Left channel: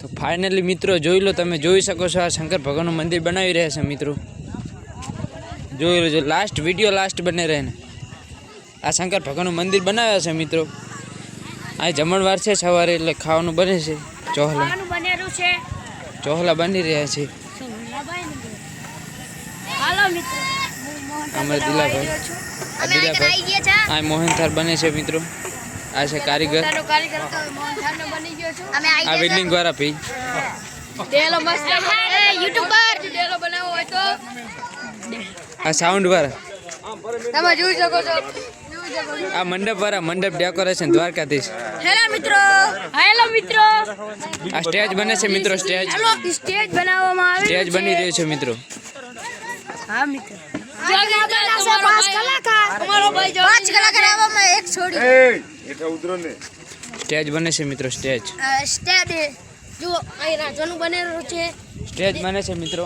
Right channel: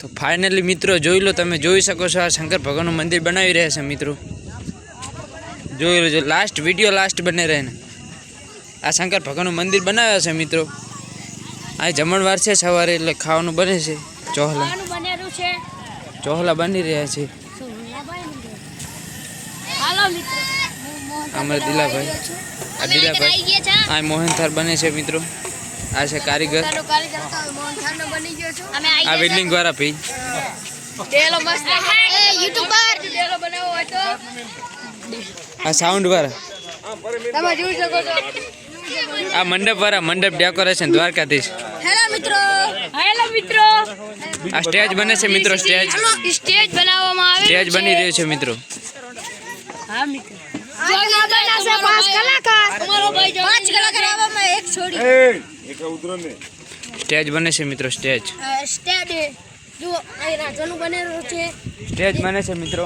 તો ફાઇનલી મિત્રો જોઈ લો, તમે જોઈ શકો છો આ શંકર ભગવાનનું મંદિર બનાવી રહ્યા છે મિત્રો. જોઈ લેજો, લાસ્ટ વિડીયો લાસ્ટ બને રહે ને. આ શંકર ભગવાનનું મંદિર બનાવ્યા છે મિત્રો. આ જમણવાર છે સવારે, એટલે ખાવાનું બને છે. ચોહલા બની રહ્યા છે. અમારા દિલાભાઈ આ મોહનથાળ બને છે મિત્રો. આ છે કારીગર, આ વેલ્ડિંગ વાળા ભાઈ, આ સાઉન્ડ વાળા, આ મંડપ વાળા, મંડપ ડેકોરેશન દ્વારકાધીશ. આ સ્ટેજ બને છે મિત્રો. સ્ટેજ બની રહ્યો છે મિત્રો. સ્ટેજ બને છે મિત્રો. સ્ટેજ બને છે મિત્રો.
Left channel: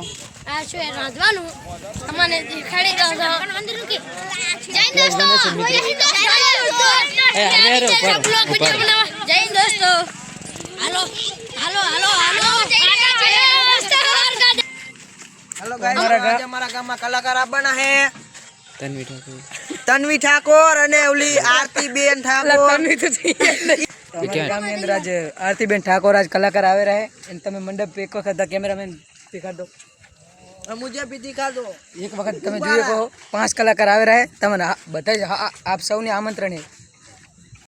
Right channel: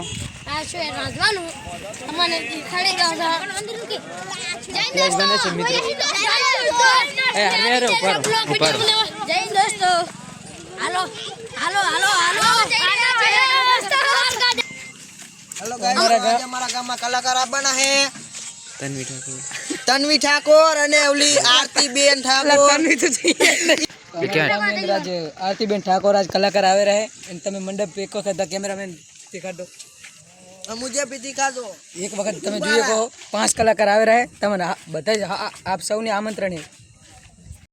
हेलो गाइस, हमारा गाम में कलाकार बना है તન્વી ठाकुर અને ઓલી આરતી બેન ઠાકોર. क्या आज आरती बेन ठाकुर आज कलाकार आवे रहे. તમે મંડપ એક વખત કેમેરામેન दिखा दो, मुझे भी दिखा दो. एक वक्त તમે જોઈએ કહો 5 કલાકાર આવે રહે. તમને બધા આપ સૌને આમંત્રણ છે.